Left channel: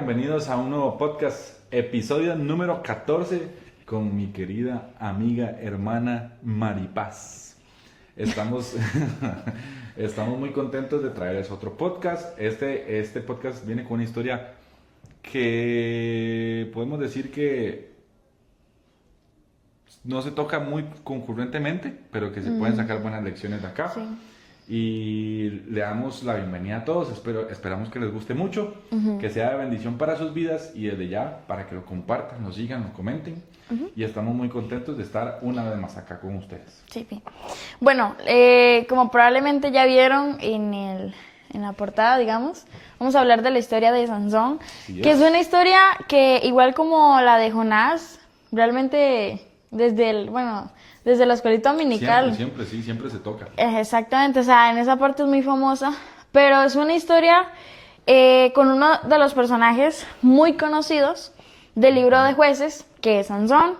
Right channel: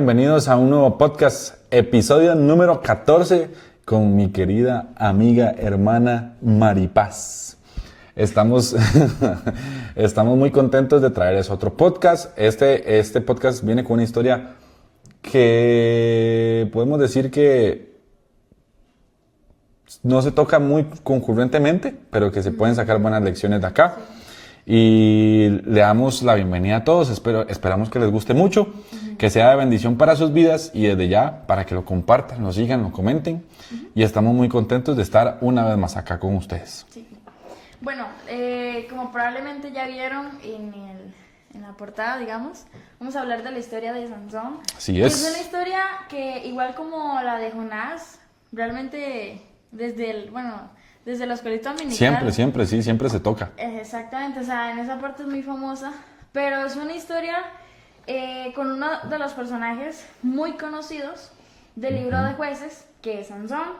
bienvenidos a un nuevo podcast, episodio número 14 con mi querida amiga, hermana Maripaz. Estamos muy contentos de traerles otro podcast. Este podcast viene con una historia que podemos decir que no se toca muy concurrentemente, pero que se pueden sacar buenas lecciones de acá. Sí. Y le damos la bienvenida a todos, esperamos que les guste mucho, que sea de bendición para sus vidas y desde ya para que lo compartan, lo sigan, lo comenten y estamos muy contentos de estar una vez más acá con ustedes. Sí. Bueno, como probablemente ya vieron en la portada, digamos, vamos a hablar de la historia de Sansón, que es una historia que igual como la de Jonás, realmente desde la escuelita dominical. Siempre se toca. Exactamente, o sea, en esa parte es muy famosa, pero es una historia con uno de los personajes muy conocidos del libro de Jueces, que es Sansón,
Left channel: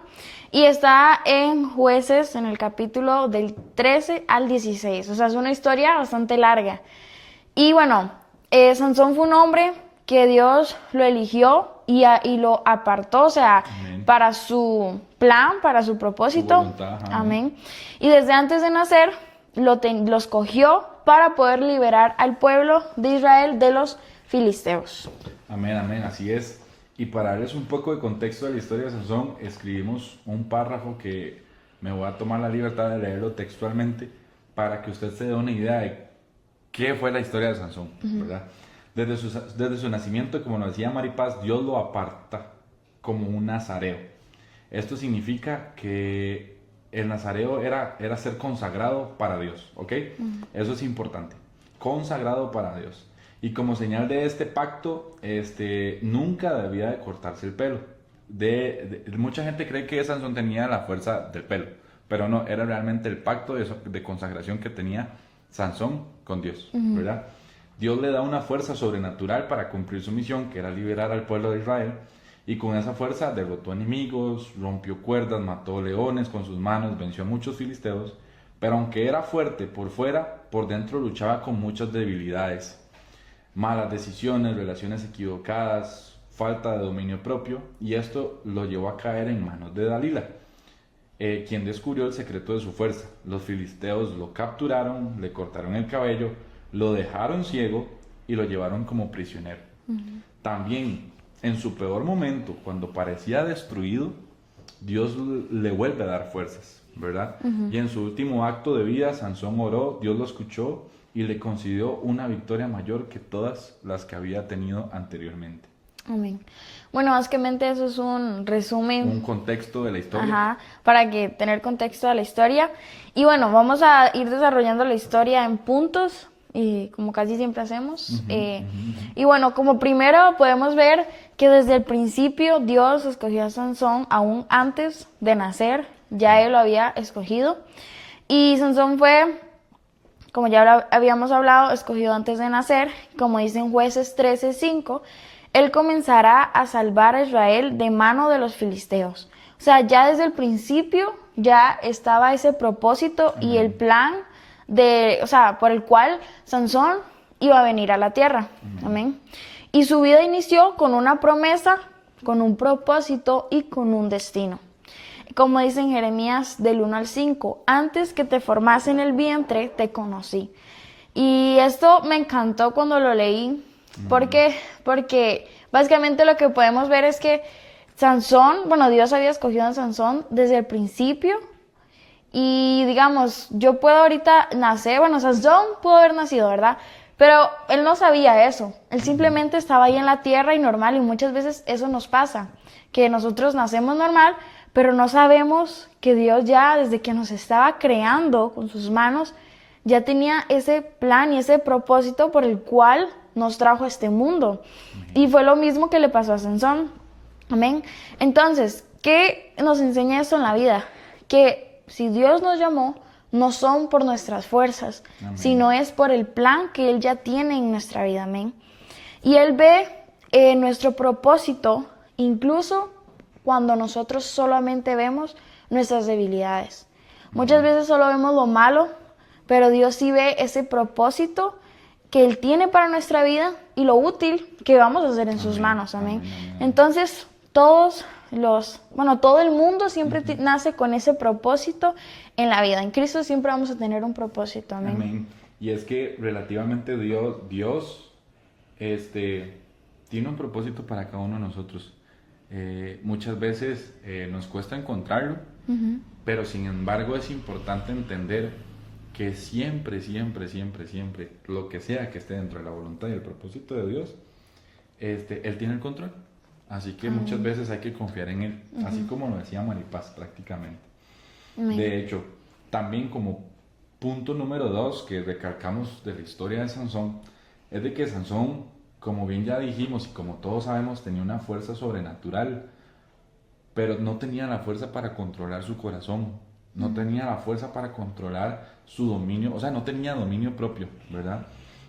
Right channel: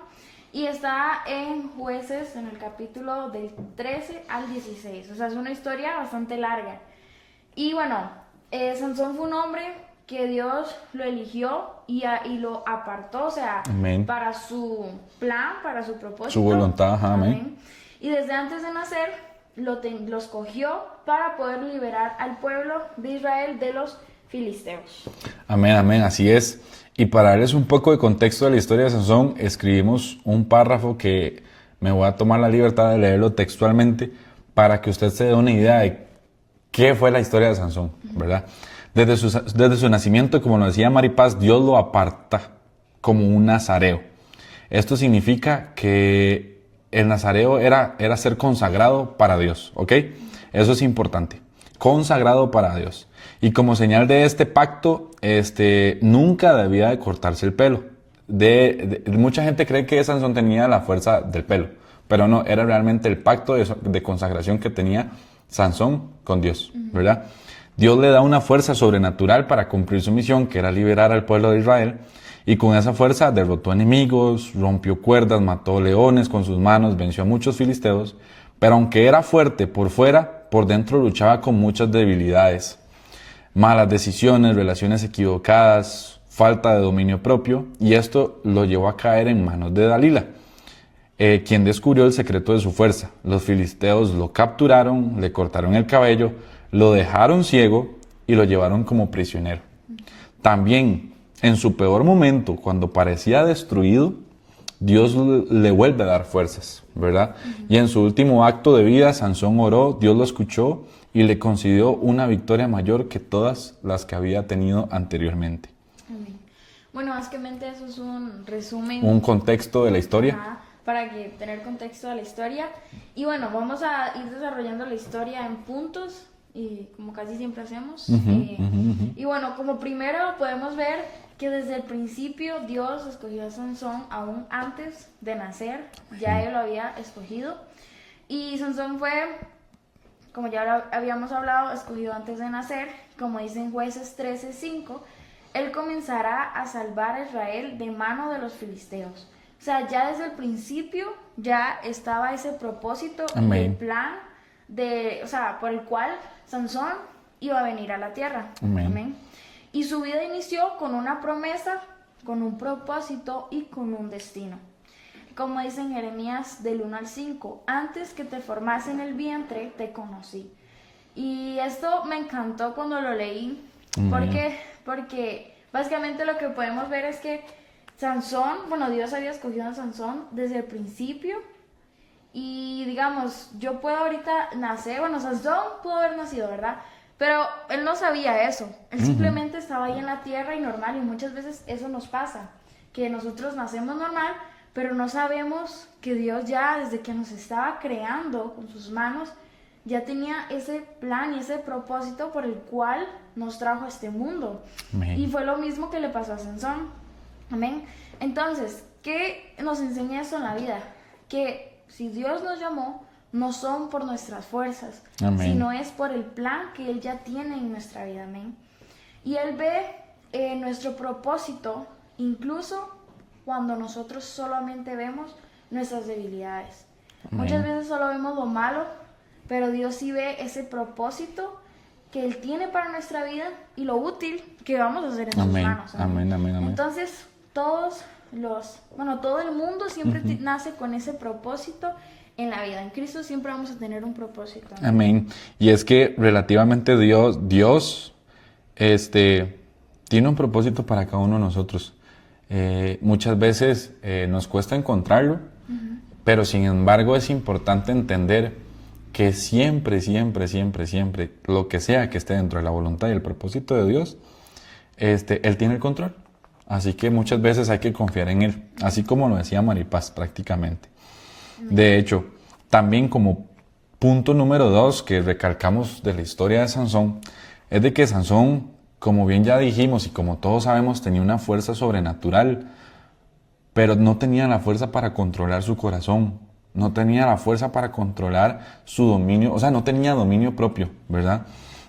y está en Jueces, en el capítulo del 13 al 16, o sea, es una historia bastante larga. Y bueno, Sansón fue un hombre que Dios lo eligió y lo apartó, o sea, amén, para su plan, para su propósito. Su voluntad, amén. Y desde antes de nacer, lo escogió para poder liberar al pueblo de Israel de los filisteos. Amén, así es. Y para darles un poco de contexto de la historia de Sansón, escribimos un párrafo que me voy a tomar la libertad de leerlo textualmente para que usted se dé una idea de qué fue la historia de Sansón, ¿verdad? Desde su nacimiento, como nos decía Maripaz, Dios lo aparta como un nazareo. Esto significa que el nazareo era ser consagrado para Dios, ¿ok? Eso es importante, consagrado para Dios. Y como señal de este pacto, nunca debía de cortarse el pelo. Mucha gente cree que Sansón tenía la fuerza del pelo, pero no, era realmente el pacto de consagración que tenía Sansón con Dios, ¿verdad? Dios le da una fuerza sobrenatural para cumplir su misión, que era liberar al pueblo de Israel, y con esa fuerza derrotó enemigos, rompió cuerdas, mató leones con sus manos, venció a muchos filisteos, pero aunque era fuerte por fuera, por dentro luchaba con muchas debilidades, malas decisiones, relaciones equivocadas, falta de dominio propio, y esto lo llevó a caer en manos de Dalila, quien descubrió el secreto de su fuerza. Los filisteos lo capturaron, le cortaron el cabello, lo dejaron ciego y lo llevaron como prisionero. También, en su peor momento, cuando parecía destruido, Dios le vuelve a dar fuerzas, ¿verdad? Y en su último acto de vida, Sansón oró, Dios lo escuchó y le concedió una victoria mayor que todas las que había tenido anteriormente. Amén. Bueno, básicamente eso es un resumen. Un contexto de la historia. Para tener contexto de la historia. Y bueno, vamos a ir desarrollando la historia en puntos, como casi siempre hacemos. Y bueno, como primero podemos ver que desde el principio Dios escogió a Sansón aún antes de nacer, ya Él lo había escogido. Y Sansón fue, como ya habíamos hablado, escogido antes de nacer, como dice en Jueces 13:5, Él comenzará a salvar a Israel de mano de los filisteos. O sea, ya desde el principio ya estaba ese propósito. Amén. Y el plan por el cual Sansón iba a venir a la tierra. Amén. Y su vida inició con una promesa, con un propósito y con un destino. Como dice en Jeremías del 1 al 5, antes que te formase en el vientre, te conocí. Y esto me encantó cuando lo leí. Porque básicamente lo que podemos ver es que Dios había escogido a Sansón desde el principio. Y digamos, yo puedo ahorita nacer, Sansón pudo haber nacido, ¿verdad? Pero él no sabía eso, él simplemente estaba ahí en la tierra y normal, y muchas veces eso nos pasa, que nosotros nacemos normal, pero no sabemos que Dios ya desde que nos estaba creando con sus manos, ya tenía ese plan y ese propósito por el cual nos trajo a este mundo. Amén. Y fue lo mismo que le pasó a Sansón. Amén. Entonces, ¿qué nos enseña esto en la vida? Que si Dios nos llamó, no son por nuestras fuerzas, amén, sino es por el plan que Él ya tiene en nuestra vida, amén. Y Él ve nuestro propósito, incluso cuando nosotros solamente vemos nuestras debilidades. Amén. Muchas veces solo vemos lo malo, pero Dios sí ve ese propósito que Él tiene para nuestra vida y lo útil que vamos a hacer en sus Amén, manos. Amén. amén, amén, amén. Entonces, todo el mundo siempre nace con ese propósito en la vida. En Cristo siempre vamos a tener un propósito. Amén. Amén. Y es que relativamente Dios tiene un propósito para cada uno de nosotros. Muchas veces nos cuesta encontrarlo, pero sin embargo es importante entender que siempre, siempre, siempre, siempre, lo que sea que esté dentro de la voluntad y el propósito de Dios, Él tiene el control. Así que muchas veces hay que confiar en Él, así como lo decía Maripaz prácticamente. De hecho, también como punto número 2 que recalcamos de la historia de Sansón, es de que Sansón, como bien ya dijimos y como todos sabemos, tenía una fuerza sobrenatural, pero no tenía la fuerza para controlar su corazón, no tenía la fuerza para controlar su dominio, o sea, no tenía dominio propio, ¿verdad?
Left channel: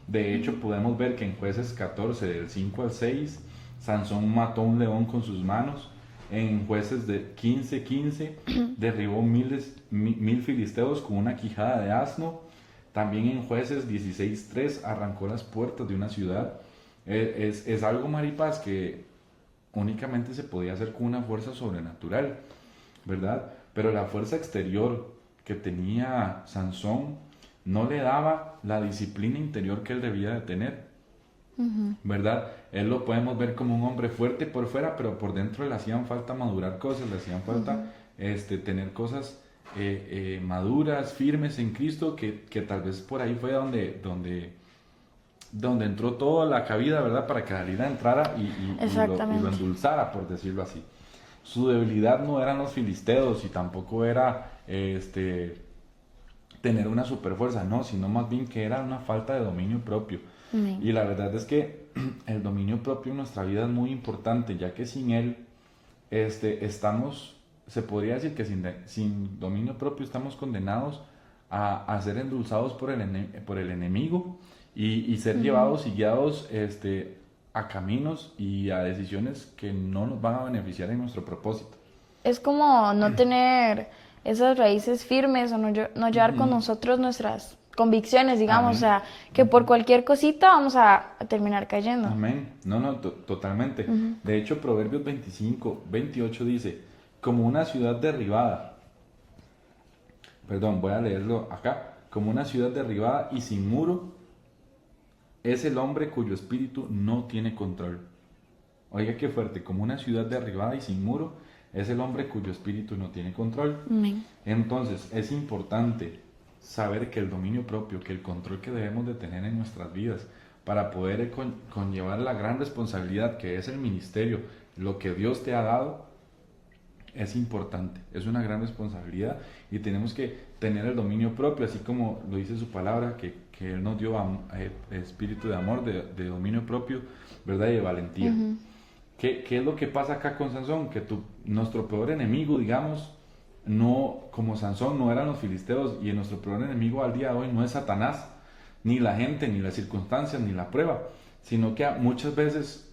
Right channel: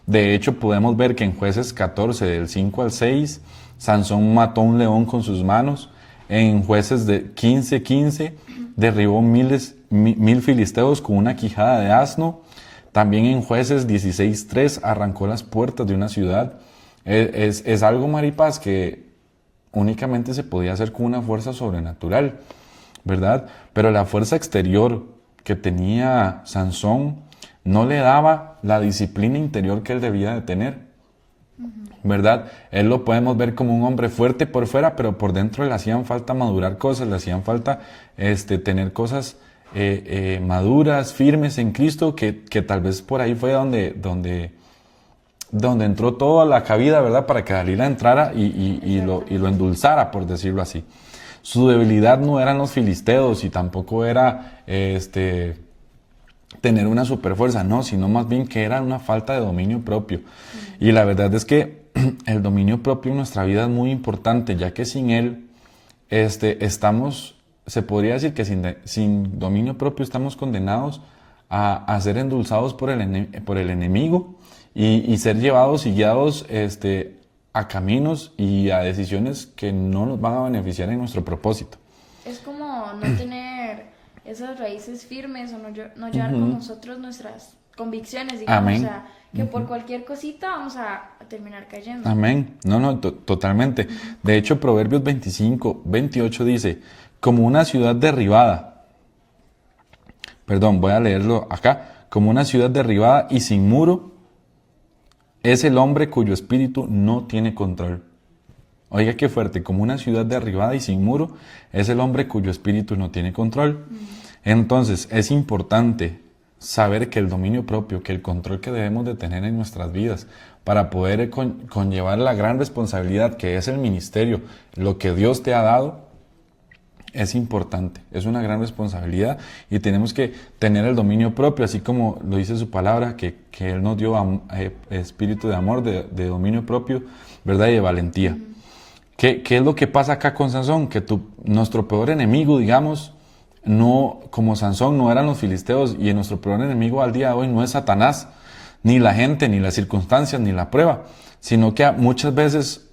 De hecho, podemos ver que en Jueces 14, del 5 al 6, Sansón mató a un león con sus manos. En Jueces de 15:15 derribó mil filisteos con una quijada de asno. También en Jueces 16:3 arrancó las puertas de una ciudad. Es algo, Maripaz, que únicamente se podía hacer con una fuerza sobrenatural, ¿verdad? Pero la fuerza exterior que tenía Sansón no le daba la disciplina interior que él debía de tener, ¿verdad? Él lo podemos ver como un hombre fuerte por fuera, pero por dentro le hacían falta madurar cosas, le hacían falta tener cosas maduras, firmes en Cristo, que tal vez por ahí fue donde entró toda la cabida, ¿verdad? Para que Dalila entrara y lo endulzara, por decirlo así. Su debilidad no eran los filisteos y tampoco era tener una superfuerza, no, sino más bien que era una falta de dominio propio. Y la verdad es que el dominio propio en nuestra vida es muy importante, ya que sin él se podría decir que sin dominio propio estamos condenados a ser endulzados por el enemigo y ser llevados y guiados a caminos y a decisiones que no nos van a beneficiar en nuestro propósito. Es como no tener esas raíces firmes o no llevar con nosotros nuestras convicciones, digamos. Amén. O sea, que por cualquier cosita vamos a terminar cayendo. Amén. No, totalmente. De hecho, Proverbios 25:28 dice, como una ciudad derribada, voy a leerlo acá, como una ciudad derribada y sin muro, es el hombre cuyo espíritu no tiene control. Oiga qué fuerte, como una ciudad derribada y sin muro, es el hombre cuyo espíritu no tiene control. Entonces, es importante saber que el dominio propio, que el control que debemos de tener en nuestras vidas para poder conllevar la gran responsabilidad que es el ministerio, lo que Dios te ha dado, es importante, es una gran responsabilidad y tenemos que tener el dominio propio, así como lo dice su palabra, que Él nos dio espíritu de amor, de dominio propio, ¿verdad? Y de valentía. ¿Qué es lo que pasa acá con Sansón? Que nuestro peor enemigo, digamos, no, como Sansón no eran los filisteos, y nuestro peor enemigo al día de hoy no es Satanás, ni la gente, ni las circunstancias, ni la prueba, sino que muchas veces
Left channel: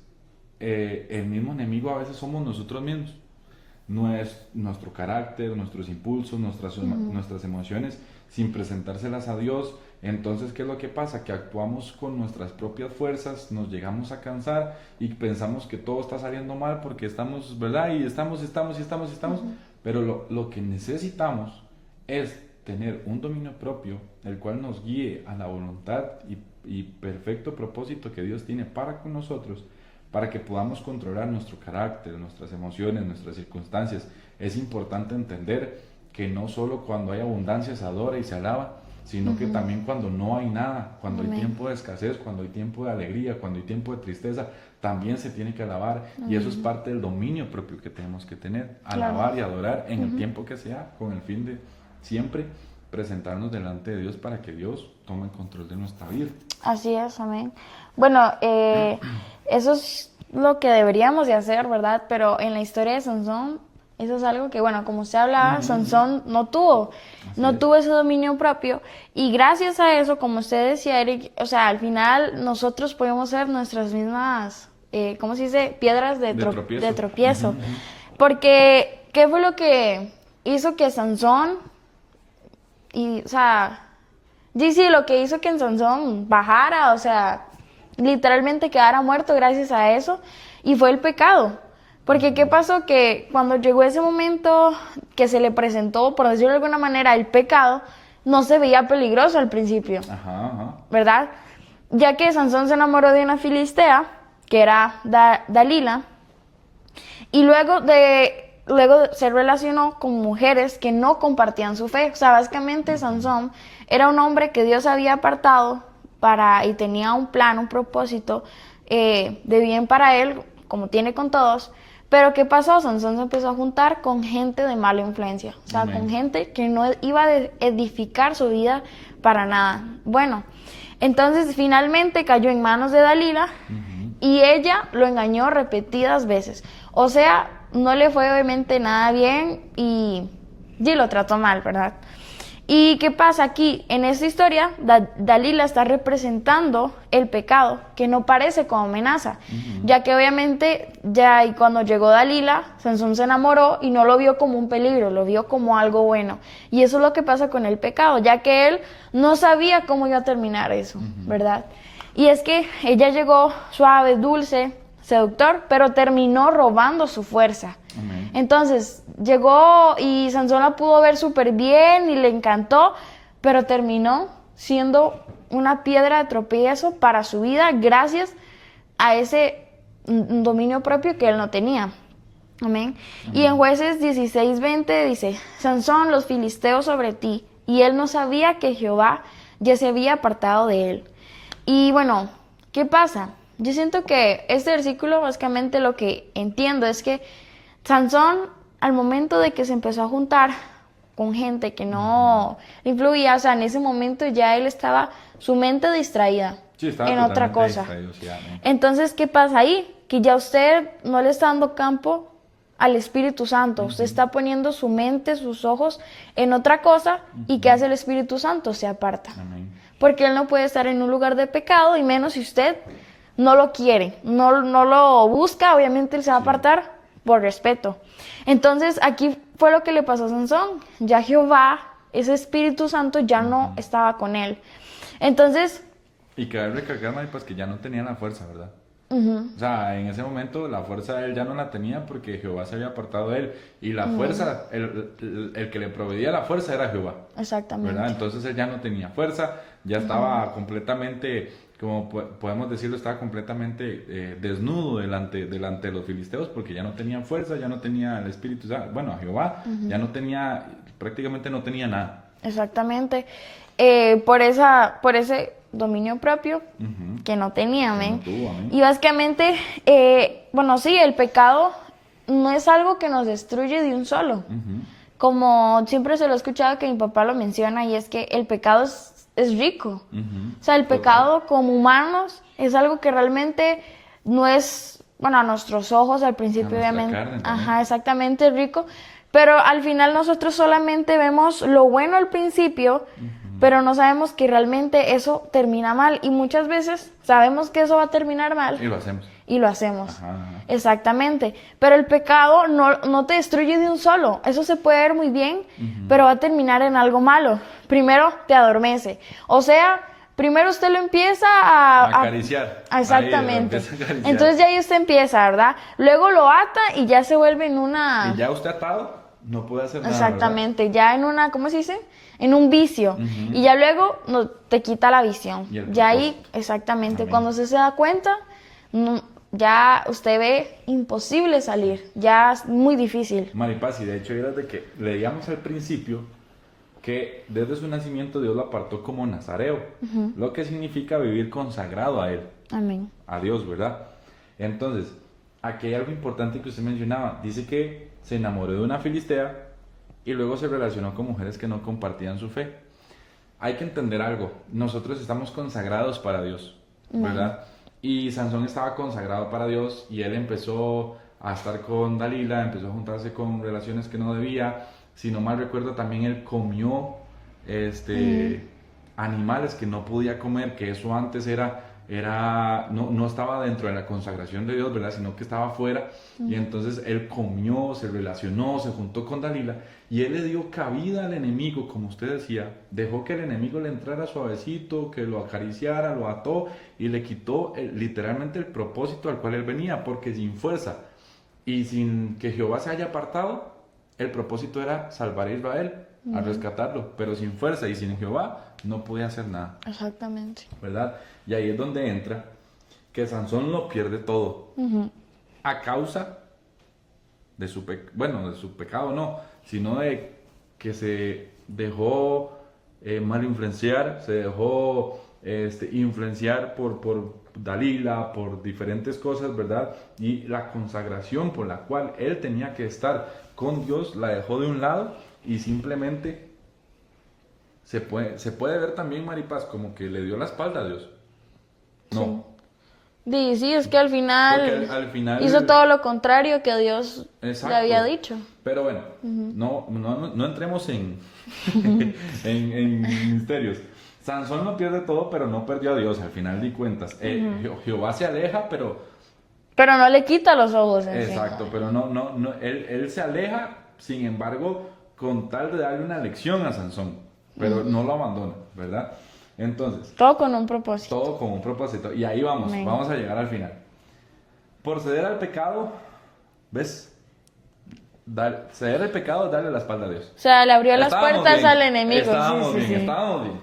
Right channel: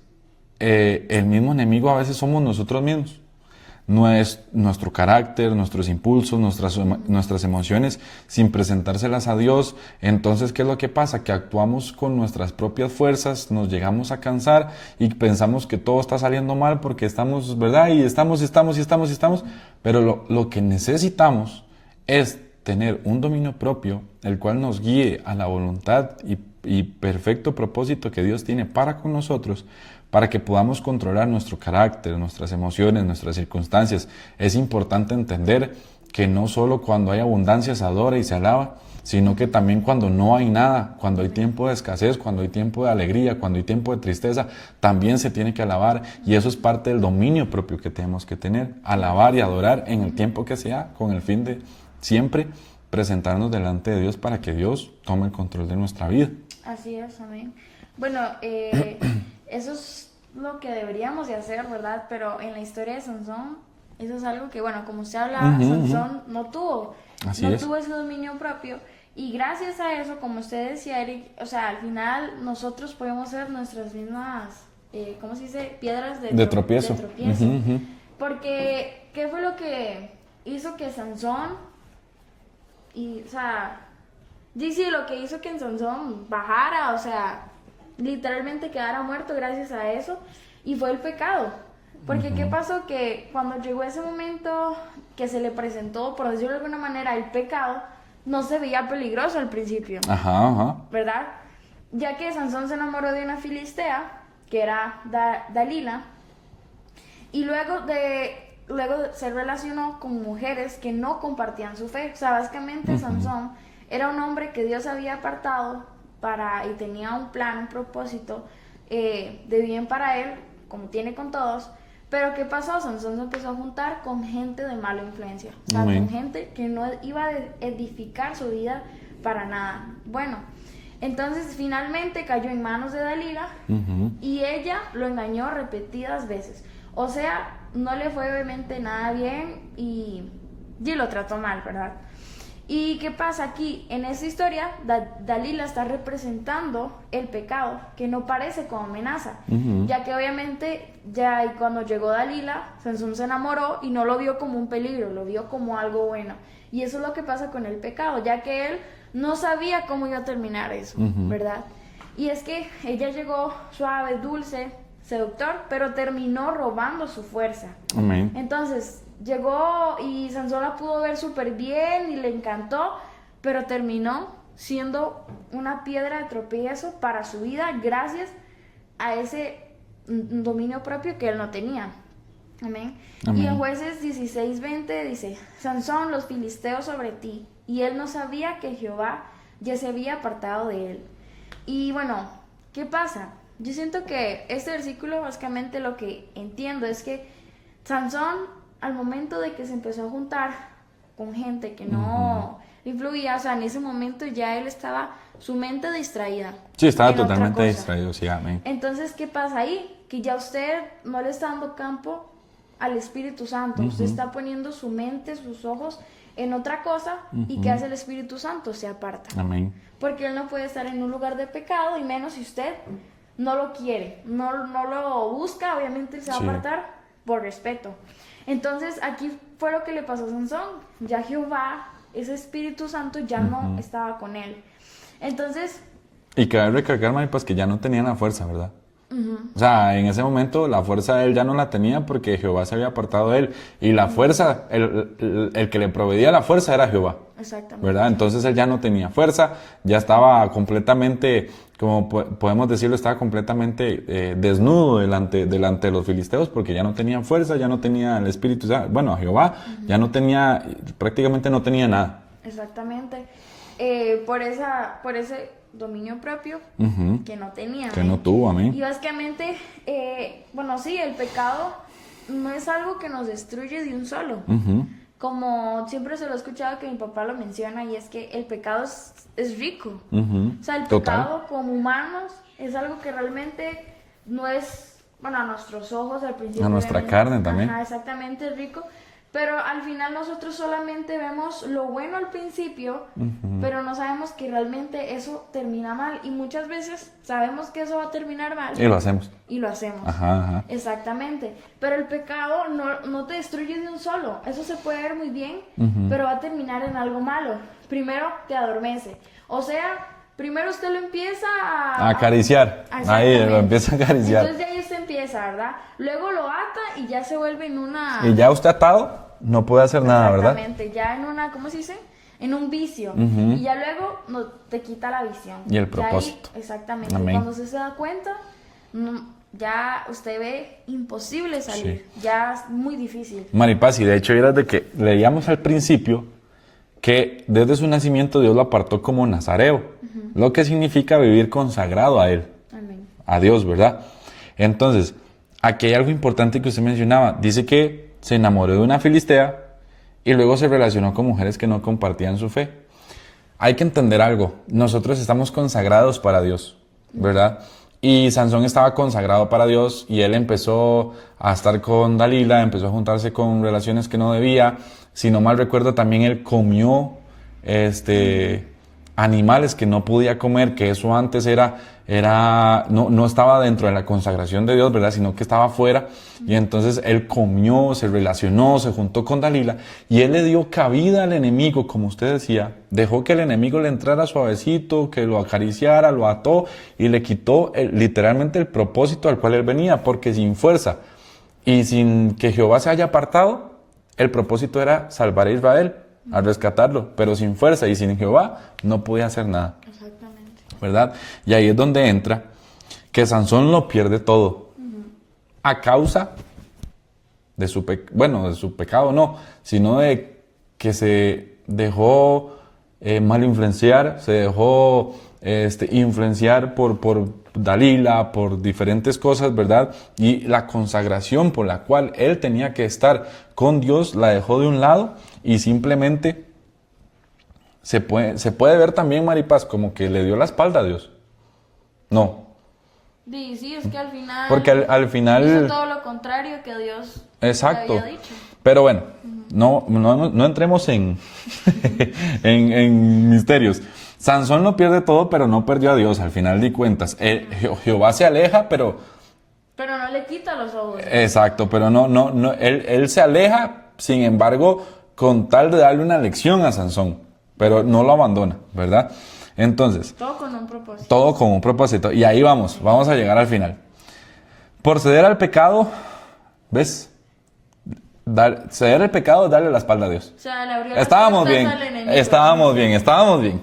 el mismo enemigo a veces somos nosotros mismos. No es nuestro carácter, nuestros impulsos, nuestras emociones, sin presentárselas a Dios. Entonces, ¿qué es lo que pasa? Que actuamos con nuestras propias fuerzas, nos llegamos a cansar y pensamos que todo está saliendo mal porque estamos, ¿verdad? Y estamos. Pero lo que necesitamos es tener un dominio propio, el cual nos guíe a la voluntad y perfecto propósito que Dios tiene para con nosotros, para que podamos controlar nuestro carácter, nuestras emociones, nuestras circunstancias. Es importante entender que no solo cuando hay abundancia se adora y se alaba, sino que también cuando no hay nada, cuando hay tiempo de escasez, cuando hay tiempo de alegría, cuando hay tiempo de tristeza, también se tiene que alabar. Y eso es parte del dominio propio que tenemos que tener, alabar y adorar en el tiempo que sea, con el fin de siempre presentarnos delante de Dios para que Dios tome el control de nuestra vida. Así es, amén. Bueno, eso es lo que deberíamos de hacer, ¿verdad? Pero en la historia de Sansón, eso es algo que, bueno, como usted hablaba, Sansón no tuvo ese dominio propio. Y gracias a eso, como usted decía, Eric, o sea, al final nosotros podemos ser nuestras mismas, ¿cómo se dice? Piedras de tropiezo. Porque, ¿qué fue lo que hizo que Sansón, lo que hizo que en Sansón bajara, o sea, literalmente quedara muerto gracias a eso, y fue el pecado. Porque ¿qué pasó? Que cuando llegó ese momento que se le presentó, por decirlo de alguna manera, el pecado, no se veía peligroso al principio, ¿verdad? Ya que Sansón se enamoró de una filistea, que era Dalila, y luego se relacionó con mujeres que no compartían su fe. O sea, básicamente Sansón era un hombre que Dios había apartado y tenía un plan, un propósito de bien para él, como tiene con todos. Pero ¿qué pasó? Sansón se empezó a juntar con gente de mala influencia, o sea, con gente que no iba a edificar su vida para nada. Bueno, entonces finalmente cayó en manos de Dalila y ella lo engañó repetidas veces. O sea, no le fue obviamente nada bien y lo trató mal, ¿verdad? ¿Y qué pasa aquí? En esta historia, Dalila está representando el pecado, que no parece como amenaza, ya que obviamente y cuando llegó Dalila, Sansón se enamoró y no lo vio como un peligro, lo vio como algo bueno. Y eso es lo que pasa con el pecado, ya que él no sabía cómo iba a terminar eso, ¿verdad? Y es que ella llegó suave, dulce, seductor, pero terminó robando su fuerza. Amén. Entonces llegó y Sansón la pudo ver súper bien y le encantó, pero terminó siendo una piedra de tropiezo para su vida gracias a ese dominio propio que él no tenía. Amén. Y en Jueces 16:20 dice: Sansón, los filisteos sobre ti, y él no sabía que Jehová ya se había apartado de él. Y bueno, ¿qué pasa? Yo siento que este versículo, básicamente lo que entiendo es que Sansón, al momento de que se empezó a juntar con gente que no le influía, o sea, en ese momento ya él estaba, su mente distraída. Sí, estaba en otra totalmente cosa. distraído, sí, amén. Entonces, ¿qué pasa ahí? Que ya usted no le está dando campo al Espíritu Santo. Usted está poniendo su mente, sus ojos en otra cosa, y ¿qué hace el Espíritu Santo? Se aparta. Amén. Porque él no puede estar en un lugar de pecado, y menos si usted no lo quiere, no lo busca, obviamente él se va a apartar por respeto. Entonces, aquí fue lo que le pasó a Sansón. Ya Jehová, ese Espíritu Santo, ya no estaba con él. Entonces... Y cabe recalcar, Mari, pues que ya no tenía la fuerza, ¿verdad? O sea, en ese momento la fuerza él ya no la tenía porque Jehová se había apartado de él. Y la fuerza, el que le proveía la fuerza era Jehová. Exactamente. ¿Verdad? Entonces él ya no tenía fuerza, ya estaba completamente, como podemos decirlo, estaba completamente desnudo delante de los filisteos, porque ya no tenía fuerza, ya no tenía el espíritu, o sea, bueno, Jehová ya no tenía, prácticamente no tenía nada. Exactamente. Por ese dominio propio que no tenía, que no tuvo, amén. Y básicamente, bueno, sí, el pecado no es algo que nos destruye de un solo. Como siempre se lo he escuchado que mi papá lo menciona, y es que el pecado es rico. O sea, el pecado como humanos es algo que realmente no es, bueno, a nuestros ojos al principio, a nuestra obviamente. Carne también. Ajá, exactamente, es rico. Pero al final nosotros solamente vemos lo bueno al principio, pero no sabemos que realmente eso termina mal. Y muchas veces sabemos que eso va a terminar mal. Y lo hacemos. Y lo hacemos. Ajá. Exactamente. Pero el pecado no te destruye de un solo. Eso se puede ver muy bien, pero va a terminar en algo malo. Primero te adormece. O sea, primero usted lo empieza a acariciar. Exactamente. Ahí lo empieza a acariciar. Entonces ya ahí usted empieza, ¿verdad? Luego lo ata y ya se vuelve en una... Y ya usted atado no puede hacer nada, ¿verdad? Exactamente. Ya en una, ¿cómo se dice? En un vicio. Y ya luego te quita la visión. Y el ya ahí, propósito. exactamente. Amén. Cuando usted se da cuenta, ya usted ve imposible salir. Ya es muy difícil. Maripaz, y de hecho era de que leíamos al principio que desde su nacimiento Dios lo apartó como nazareo, lo que significa vivir consagrado a Él, Amén. a Dios, ¿verdad? Entonces, aquí hay algo importante que usted mencionaba. Dice que se enamoró de una filistea y luego se relacionó con mujeres que no compartían su fe. Hay que entender algo. Nosotros estamos consagrados para Dios, ¿verdad? Y Sansón estaba consagrado para Dios y él empezó a estar con Dalila, empezó a juntarse con relaciones que no debía. Si no mal recuerdo, también él comió animales que no podía comer, que eso antes era no estaba dentro de la consagración de Dios, ¿verdad? Sino que estaba fuera. Y entonces él comió, se relacionó, se juntó con Dalila y él le dio cabida al enemigo, como usted decía. Dejó que el enemigo le entrara suavecito, que lo acariciara, lo ató y le quitó literalmente el propósito al cual él venía, porque sin fuerza y sin que Jehová se haya apartado, el propósito era salvar a Israel, a rescatarlo, pero sin fuerza y sin Jehová no podía hacer nada. Exactamente. ¿Verdad? Y ahí es donde entra que Sansón lo pierde todo. A causa de su pecado no, sino de que se dejó mal influenciar, se dejó influenciar por Dalila, por diferentes cosas, ¿verdad? Y la consagración por la cual él tenía que estar con Dios la dejó de un lado y simplemente se puede ver también, Maripaz, como que le dio la espalda a Dios. No. Sí, es que al final, porque al final hizo todo lo contrario que Dios exacto. le había dicho. Pero bueno, no entremos en, en misterios. Sansón lo pierde todo, pero no perdió a Dios, al final de cuentas. Jehová se aleja, pero no le quita los ojos. Exacto, pero él se aleja, sin embargo, con tal de darle una lección a Sansón, pero no lo abandona, ¿verdad? Entonces, todo con un propósito. Todo con un propósito. Y ahí vamos a llegar al final. Por ceder al pecado, ¿ves? Ceder al pecado es darle la espalda a Dios. O sea, le abrió las puertas al enemigo. Estábamos bien.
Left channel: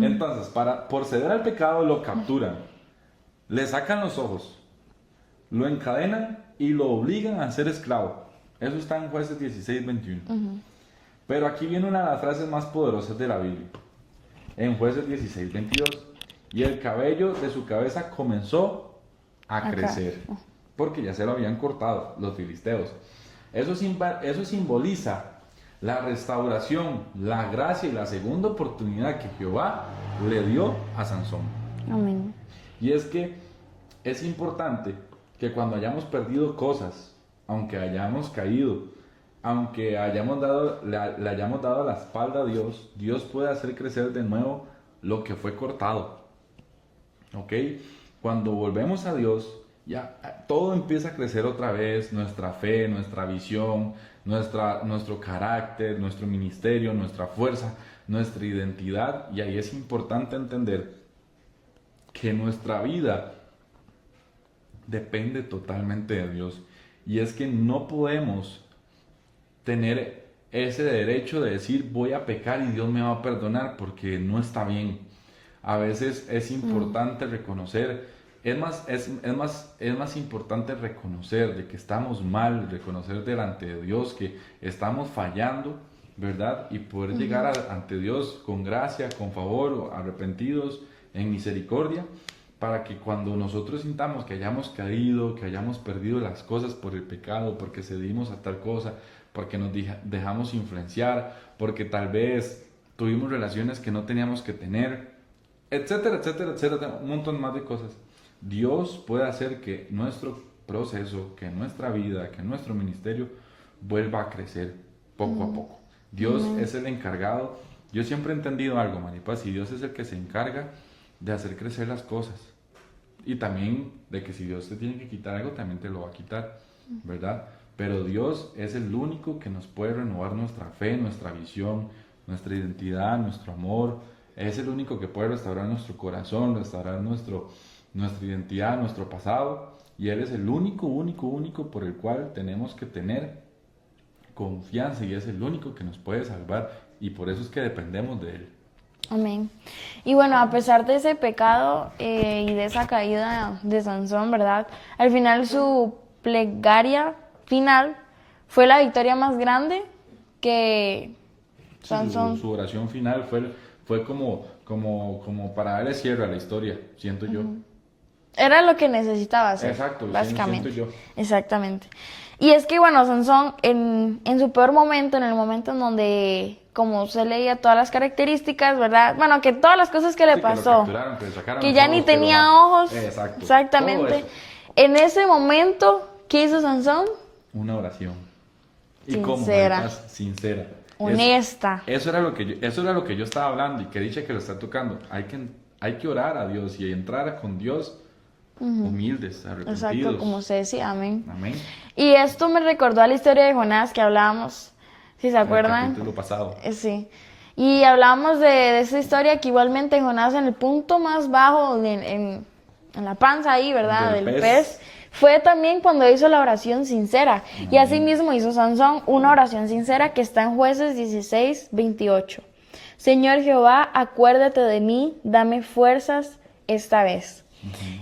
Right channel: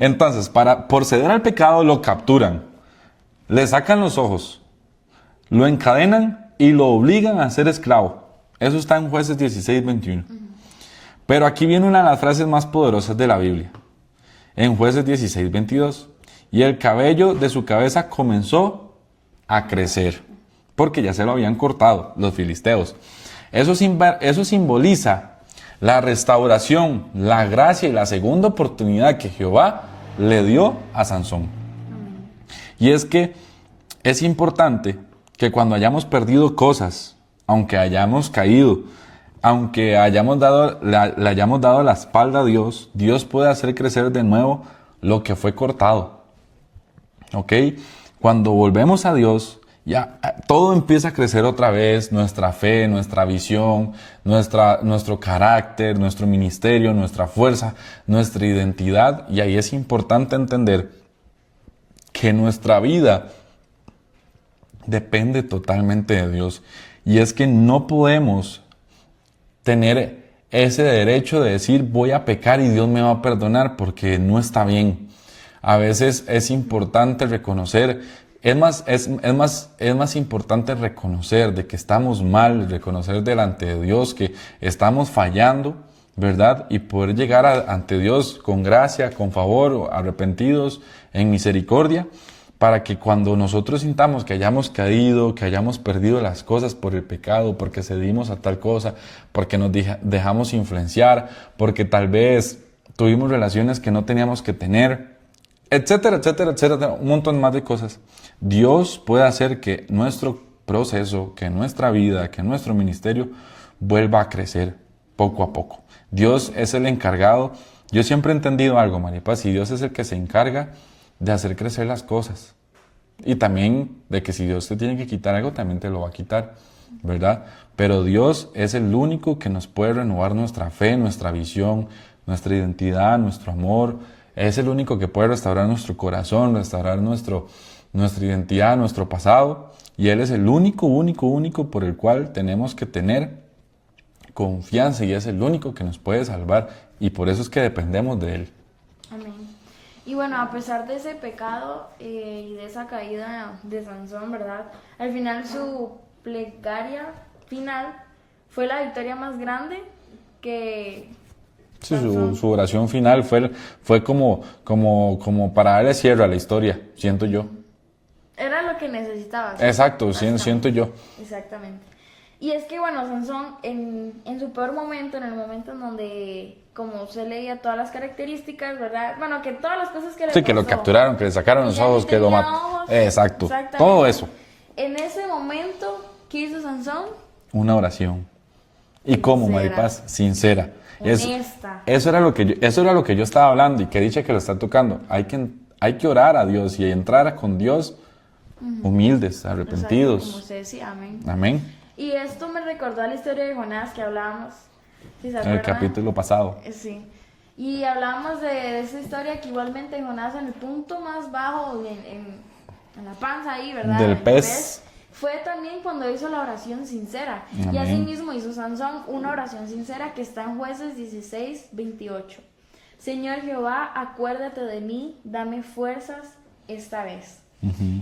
Entonces, por ceder al pecado lo capturan, le sacan los ojos, lo encadenan y lo obligan a ser esclavo. Eso está en Jueces 16:21. Pero aquí viene una de las frases más poderosas de la Biblia. En Jueces 16:22. Y el cabello de su cabeza comenzó a crecer, porque ya se lo habían cortado los filisteos. Eso simboliza la restauración, la gracia y la segunda oportunidad que Jehová le dio a Sansón. Amén. Y es que es importante que cuando hayamos perdido cosas, aunque hayamos caído, aunque le hayamos dado la espalda a Dios, Dios puede hacer crecer de nuevo lo que fue cortado. ¿Ok? Cuando volvemos a Dios, ya todo empieza a crecer otra vez, nuestra fe, nuestra visión, nuestro carácter, nuestro ministerio, nuestra fuerza, nuestra identidad. Y ahí es importante entender que nuestra vida depende totalmente de Dios. Y es que no podemos tener ese derecho de decir voy a pecar y Dios me va a perdonar, porque no está bien. A veces es importante reconocer, es más importante reconocer de que estamos mal, reconocer delante de Dios que estamos fallando, ¿verdad? Y poder llegar ante Dios con gracia, con favor, arrepentidos, en misericordia, para que cuando nosotros sintamos que hayamos caído, que hayamos perdido las cosas por el pecado, porque cedimos a tal cosa, porque nos dejamos influenciar, porque tal vez tuvimos relaciones que no teníamos que tener, etcétera, etcétera, etcétera, un montón más de cosas. Dios puede hacer que nuestro proceso, que nuestra vida, que nuestro ministerio vuelva a crecer poco a poco. Dios es el encargado. Yo siempre he entendido algo, Maripaz, y Dios es el que se encarga de hacer crecer las cosas. Y también de que si Dios te tiene que quitar algo, también te lo va a quitar, ¿verdad? Pero Dios es el único que nos puede renovar nuestra fe, nuestra visión, nuestra identidad, nuestro amor. Es el único que puede restaurar nuestro corazón, restaurar nuestra identidad, nuestro pasado. Y Él es el único por el cual tenemos que tener confianza, y es el único que nos puede salvar. Y por eso es que dependemos de Él. Amén. Y bueno, a pesar de ese pecado y de esa caída de Sansón, ¿verdad? Al final su plegaria final fue la victoria más grande que Sí, su oración final fue como para darle cierre a la historia, siento yo. Era lo que necesitaba hacer. Exacto, siento yo. Exactamente. Y es que, bueno, Sansón en su peor momento, en el momento en donde, como se leía todas las características, ¿verdad? Bueno, que todas las cosas que le pasó. Sí, que lo capturaron, que le sacaron que los ya ojos. Que ya ni tenía ojos. Exacto. Exactamente. Todo eso. En ese momento, ¿qué hizo Sansón? Una oración. ¿Y sincera. cómo, Maripaz? Sincera. Honesta. Eso era lo que yo estaba hablando, y que dicha que lo está tocando. Hay hay que orar a Dios y entrar con Dios humildes, arrepentidos. Exacto, como se decía, amén. Amén. Y esto me recordó a la historia de Jonás que hablábamos, si se En el acuerdan. capítulo pasado. Sí. Y hablábamos de esa historia que igualmente Jonás en el punto más bajo, en la panza ahí, ¿verdad? Del pez. Fue también cuando hizo la oración sincera. Amén. Y así mismo hizo Sansón una oración sincera que está en Jueces 16:28. Señor Jehová, acuérdate de mí, dame fuerzas esta vez.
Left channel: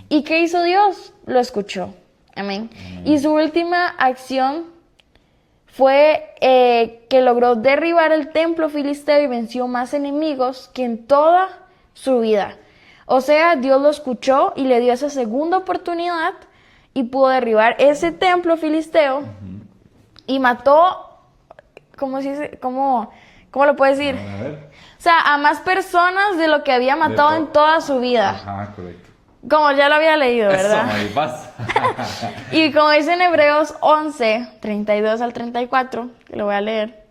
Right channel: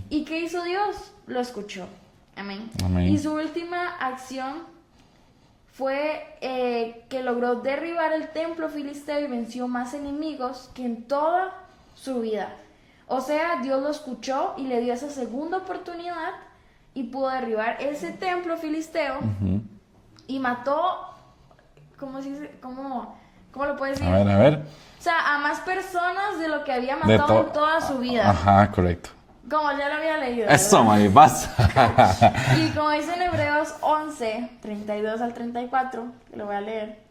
¿Y qué hizo Dios? Lo escuchó. Amén. Amén. Y su última acción fue que logró derribar el templo filisteo y venció más enemigos que en toda su vida. O sea, Dios lo escuchó y le dio esa segunda oportunidad y pudo derribar ese templo filisteo y mató, ¿cómo lo puedes decir? A ver. O sea, a más personas de lo que había matado en toda su vida. Ajá, correcto. Como ya lo había leído, ¿verdad? Eso, mami, vas. Y como dice en Hebreos 11, 32 al 34, que lo voy a leer,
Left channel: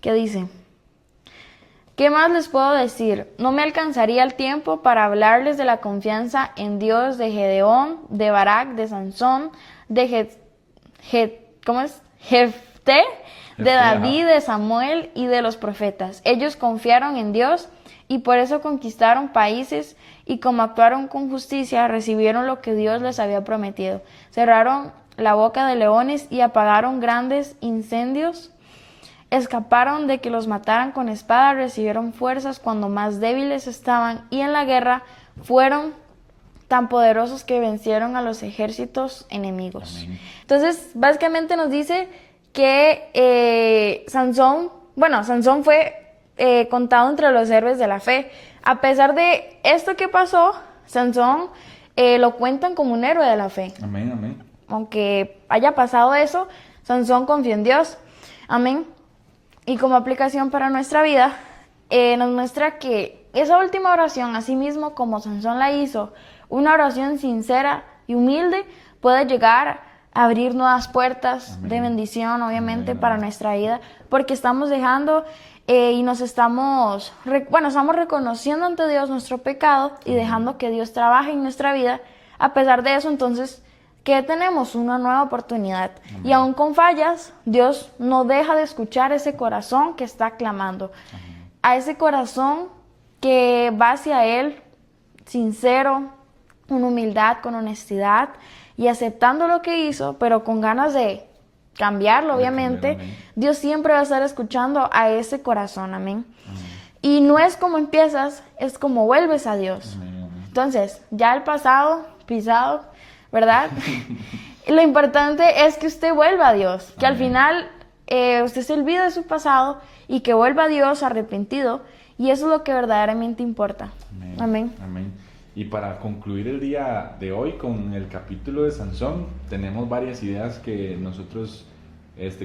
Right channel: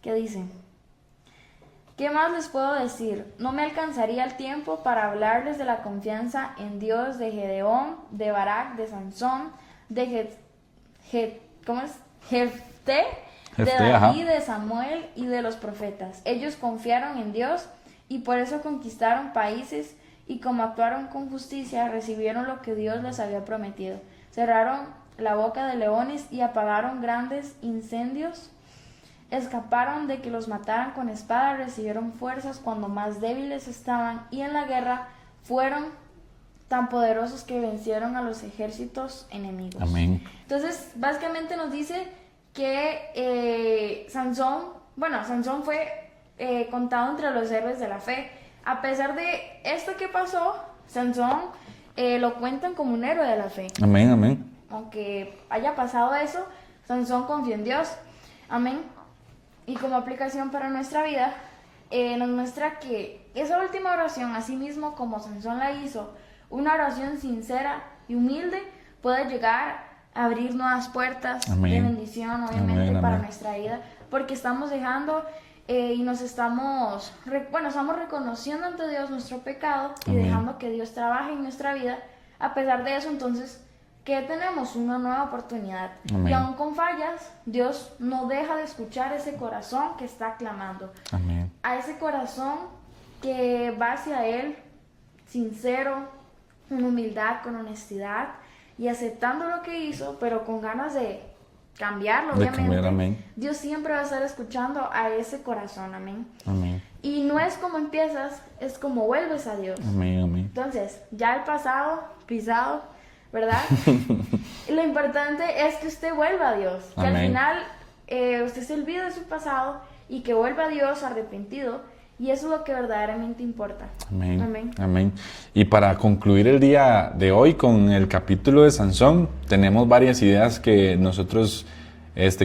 que dice: ¿qué más les puedo decir? No me alcanzaría el tiempo para hablarles de la confianza en Dios de Gedeón, de Barak, de Sansón, de Jefté, de David, de Samuel y de los profetas. Ellos confiaron en Dios y por eso conquistaron países, y como actuaron con justicia, recibieron lo que Dios les había prometido. Cerraron la boca de leones y apagaron grandes incendios. Escaparon de que los mataran con espada, recibieron fuerzas cuando más débiles estaban, y en la guerra fueron tan poderosos que vencieron a los ejércitos enemigos. Amén. Entonces, básicamente nos dice que Sansón fue contado entre los héroes de la fe. A pesar de esto que pasó, Sansón lo cuentan como un héroe de la fe. Amén, amén. Aunque haya pasado eso, Sansón confió en Dios. Amén. Y como aplicación para nuestra vida, nos muestra que esa última oración, así mismo como Sansón la hizo, una oración sincera y humilde, puede llegar a abrir nuevas puertas Amén. de bendición, obviamente, Amén, para amén. nuestra vida, porque estamos dejando y nos estamos reconociendo ante Dios nuestro pecado y dejando que Dios trabaje en nuestra vida. A pesar de eso, entonces, ¿qué tenemos? Una nueva oportunidad. Amén. Y aún con fallas, Dios no deja de escuchar ese corazón que está clamando. Amén. A ese corazón que va hacia Él, sincero, con humildad, con honestidad y aceptando lo que hizo, pero con ganas de cambiarlo, De obviamente. cambiar, amén. Dios siempre va a estar escuchando a ese corazón, amén. Amén. Y no es como empiezas, es como vuelves a Dios. Amén, amén. Entonces, ya el pasado, pisado, ¿verdad? Lo importante es que usted vuelva a Dios, que al Amén. final usted se olvide de su pasado y que vuelva a Dios arrepentido, y eso es lo que verdaderamente importa. Amén. Amén. Amén. Y para concluir el día de hoy con el capítulo de Sansón, tenemos varias ideas que nosotros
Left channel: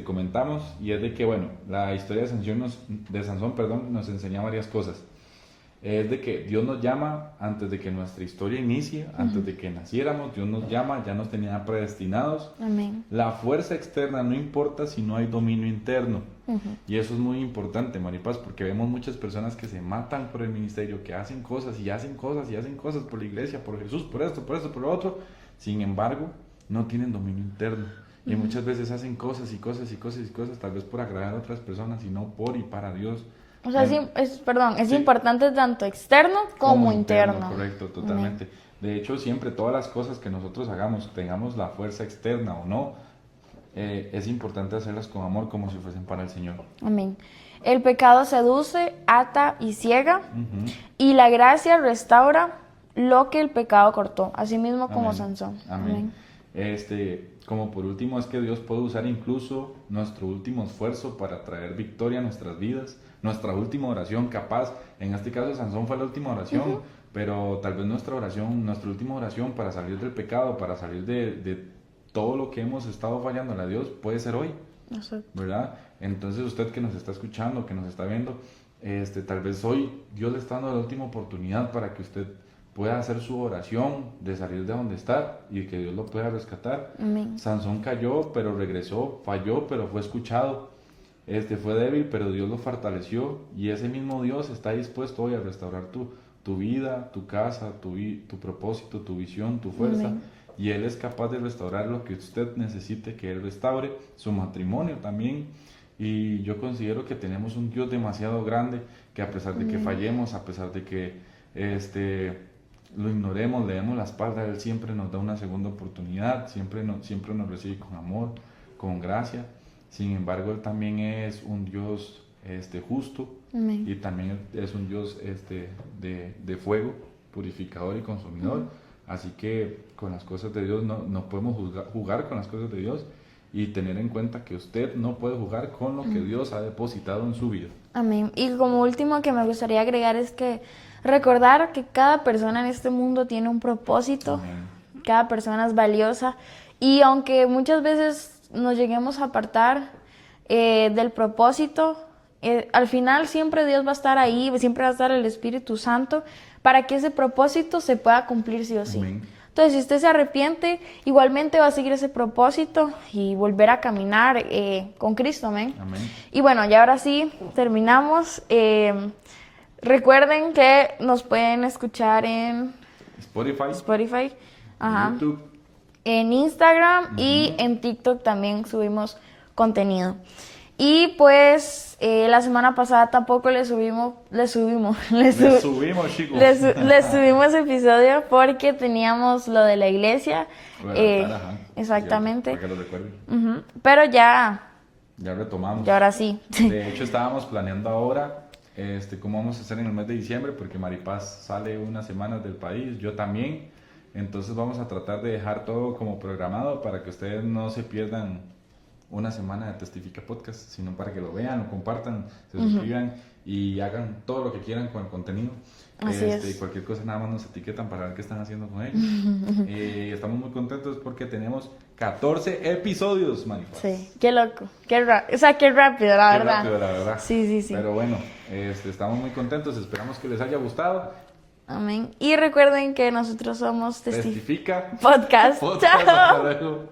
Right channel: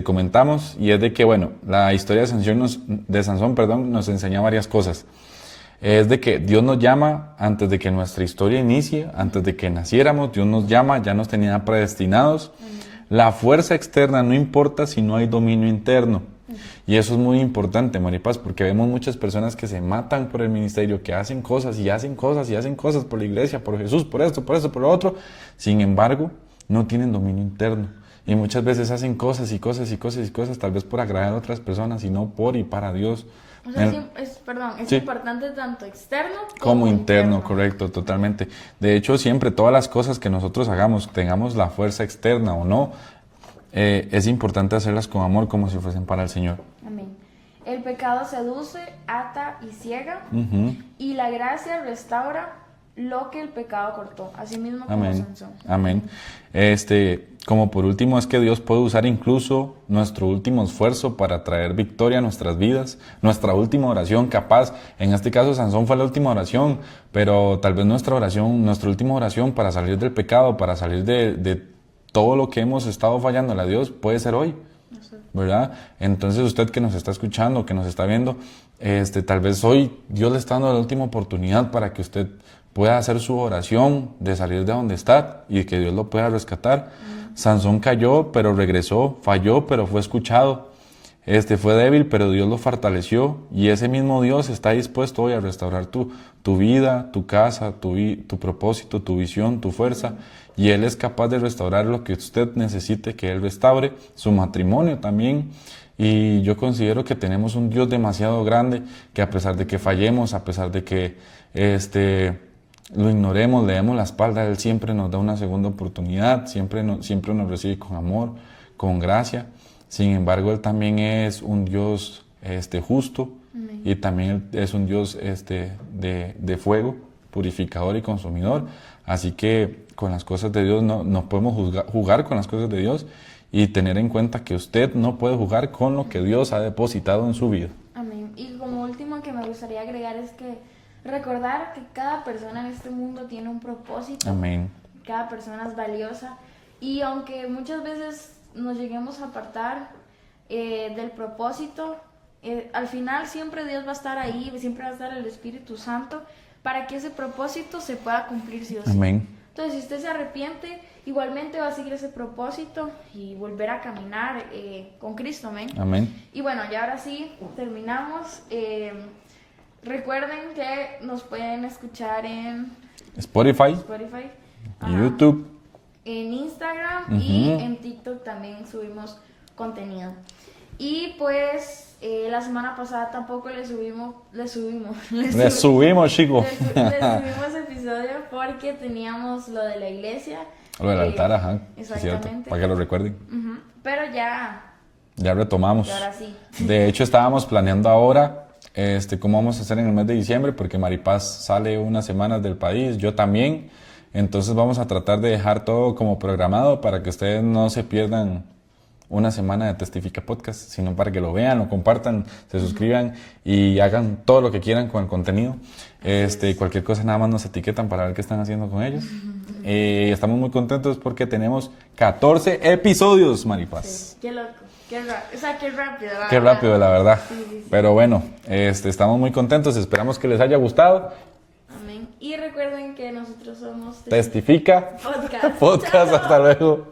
comentamos, y es de que, bueno, la historia de Sansón nos enseña varias cosas. Es de que Dios nos llama antes de que nuestra historia inicie, antes de que naciéramos. Dios nos llama, ya nos tenía predestinados. Amén. La fuerza externa no importa si no hay dominio interno. Y eso es muy importante, Maripaz, porque vemos muchas personas que se matan por el ministerio, que hacen cosas y hacen cosas y hacen cosas por la iglesia, por Jesús, por esto, por lo otro. Sin embargo, no tienen dominio interno. Y muchas veces hacen cosas y cosas y cosas y cosas, tal vez por agradar a otras personas y no por y para Dios. O sea, es Sí. importante tanto externo Como interno, correcto, totalmente. De hecho, siempre todas las cosas que nosotros hagamos, tengamos la fuerza externa o no, es importante hacerlas con amor, como si fuesen para el Señor. Amén. El pecado seduce, ata y ciega, Ujú. y la gracia restaura lo que el pecado cortó, así mismo como Amén. Sansón. Amén. Como por último, es que Dios puede usar incluso nuestro último esfuerzo para traer victoria a nuestras vidas, nuestra última oración capaz. En este caso, Sansón fue la última oración, pero tal vez nuestra última oración para salir del pecado, para salir de todo lo que hemos estado fallándole a Dios, puede ser hoy, ¿verdad? Entonces, usted que nos está escuchando, que nos está viendo, tal vez hoy Dios le está dando la última oportunidad para que usted pueda hacer su oración de salir de donde está y que Dios lo pueda rescatar. Sansón cayó, pero regresó, falló, pero fue escuchado. fue débil, pero Dios lo fortaleció y ese mismo Dios está dispuesto hoy a restaurar tu vida, tu casa, tu propósito, tu visión, tu fuerza. Y Él es capaz de restaurar lo que usted necesite que Él restaure, su matrimonio también. Y yo considero que tenemos un Dios demasiado grande que a pesar de que fallemos, a pesar de que lo ignoremos, le demos la espalda, Él siempre nos da una segunda oportunidad, siempre nos recibe con amor, con gracia. Sin embargo, Él también es un Dios justo. Amén. Y también es un Dios de fuego, purificador y consumidor. Así que con las cosas de Dios no podemos jugar con las cosas de Dios y tener en cuenta que usted no puede jugar con lo que Dios ha depositado en su vida. Amén. Y como último que me gustaría agregar es que recordar que cada persona en este mundo tiene un propósito. Amén. Cada persona es valiosa y aunque muchas veces nos lleguemos a apartar del propósito, al final siempre Dios va a estar ahí, siempre va a estar el Espíritu Santo para que ese propósito se pueda cumplir sí o sí. Amén. Entonces, si usted se arrepiente, igualmente va a seguir ese propósito y volver a caminar con Cristo. Amén. Amén. Y bueno, ya ahora sí, terminamos. Recuerden que nos pueden escuchar en Spotify, ajá, YouTube, en Instagram y en TikTok también subimos contenido. Y pues la semana pasada tampoco le subimos chicos. Le subimos episodio porque teníamos lo de la iglesia. Lo del altar, ajá. Exactamente. Para que lo recuerden. Pero ya retomamos. Y ahora sí. De hecho, estábamos planeando ahora cómo vamos a hacer en el mes de diciembre, porque Maripaz sale unas semanas del país, yo también. Entonces vamos a tratar de dejar todo como programado para que ustedes no se pierdan una semana de Testifica Podcast, sino para que lo vean, lo compartan, se suscriban y hagan todo lo que quieran con el contenido. Cualquier cosa nada más nos etiquetan para ver qué están haciendo con ellos. Estamos muy contentos porque tenemos 14 episodios, Maripaz. Sí, qué loco, qué rápido, la verdad. Qué rápido, la verdad. Sí. Pero bueno, estamos muy contentos, esperamos que les haya gustado. Amén. Y recuerden que nosotros somos Testifica Podcast. Hasta luego.